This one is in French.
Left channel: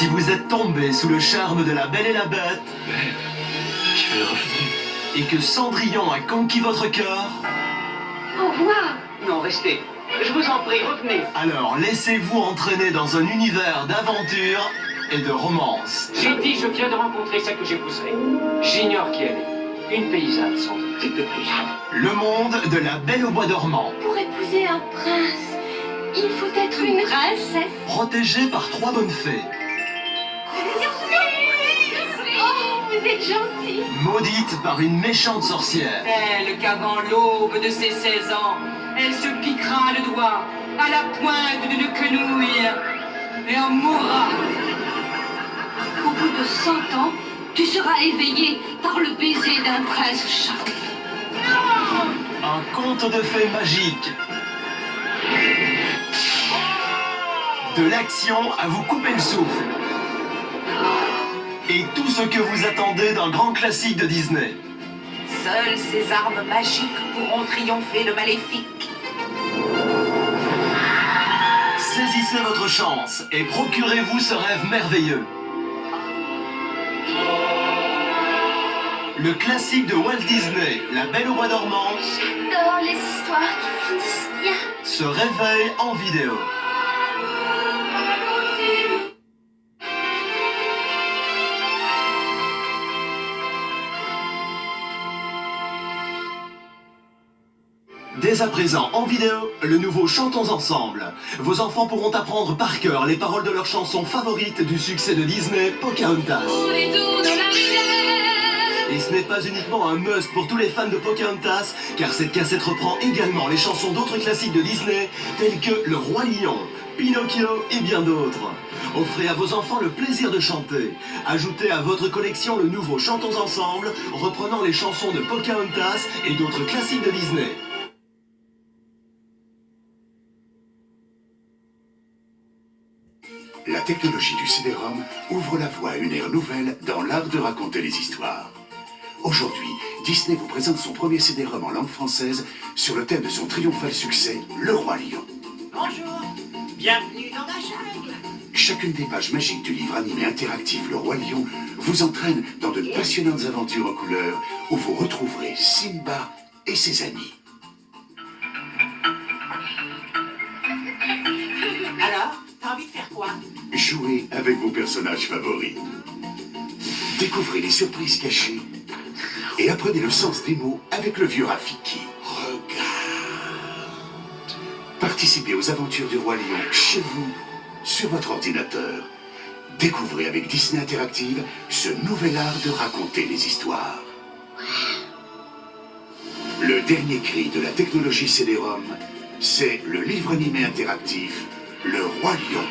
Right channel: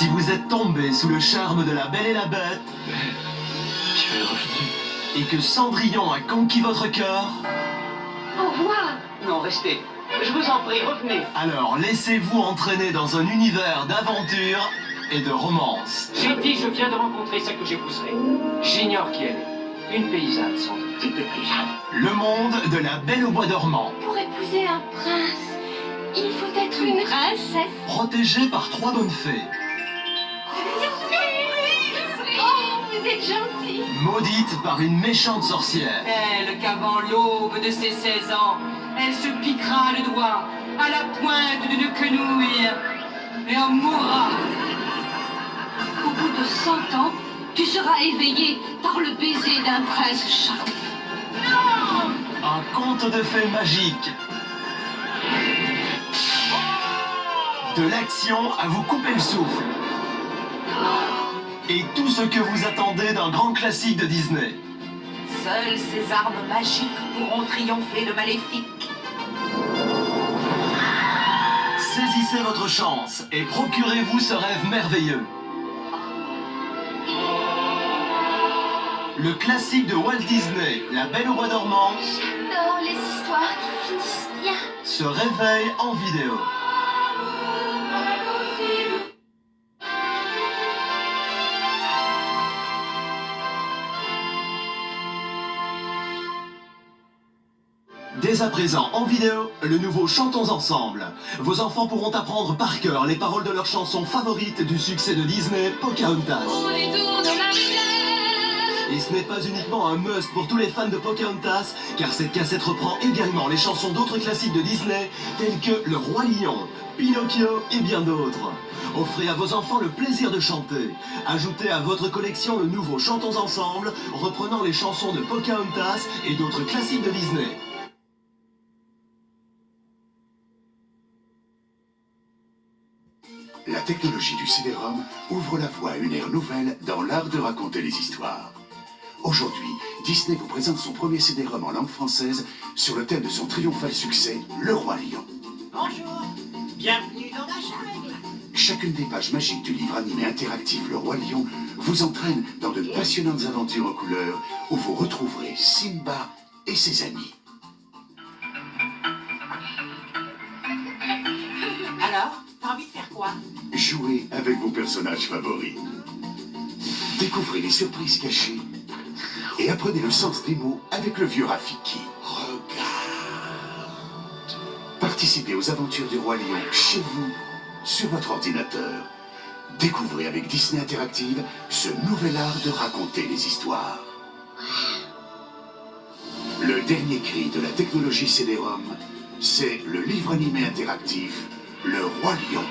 Si vous êtes tombé sous le charme de la Belle et la Bête, Je vais revenir. et que Cendrillon a conquis votre cœur, Au revoir. Non, restez. Je vous en prie, revenez. alors laissez-vous entraîner dans un univers d'aventure et de romance. J'ai dit, je viens de rencontrer celle que j'épouserai. J'ignore qui elle est. Une paysanne, sans doute. Un petit peu plus. Le monde de la Belle au bois dormant, Pour épouser un prince, il faut être une princesse. protégé par 3 bonnes fées, Oh, vous êtes gentil. maudite par une méchante sorcière. Elle qu'avant l'aube de ses 16 ans, elle se piquera le doigt à la pointe d'une quenouille et en mourra. Au bout de 100 ans, tu seras éveillé par le baiser d'un prince charmant. Un conte de fées magique. De l'action à vous couper le souffle. Et tout ce que vous attendez d'un grand classique de Disney. Seules ces armes magiques pourront triompher le maléfique. Saisissez votre chance et procurez-vous ce rêve merveilleux. Le classique de Walt Disney, La Belle au bois dormant, J'adore les histoires qui finissent bien. se réveille en vidéo. Dès à présent, en vidéo, le nouveau Chantons Ensemble. Vos enfants pourront apprendre par cœur les paroles de leurs chansons favorites du succès de Disney, Pocahontas. Et ce n'est pas uniquement un must pour tous les fans de Pocahontas, car cette cassette reprend également les chansons d'autres classiques de Disney, tels que Le Roi Lion, Pinocchio et bien d'autres. Offrez à vos enfants le plaisir de chanter. Ajoutez à votre collection le nouveau Chantons Ensemble, reprenant les chansons de Pocahontas et d'autres classiques de Disney. La technologie du CD-ROM ouvre la voie à une ère nouvelle dans l'art de raconter les histoires. Aujourd'hui, Disney vous présente son premier CD-ROM en langue française sur le thème de son triomphal succès, Le Roi Lion. Bonjour, bienvenue dans la jungle. Chacune des pages magiques du livre animé interactif Le Roi Lion vous entraîne dans de passionnantes aventures en couleurs où vous retrouverez Simba et ses amis. Alors, t'as envie de faire quoi? Jouez avec vos personnages favoris. Découvrez les surprises cachées et apprenez le sens des mots avec le vieux Rafiki. Regarde. Participez aux aventures du Roi Lion chez vous, sur votre ordinateur. Découvrez avec Disney Interactive ce nouvel art de raconter les histoires. Le dernier cri de la technologie CD-ROM, c'est le livre animé interactif Le Roi Lion.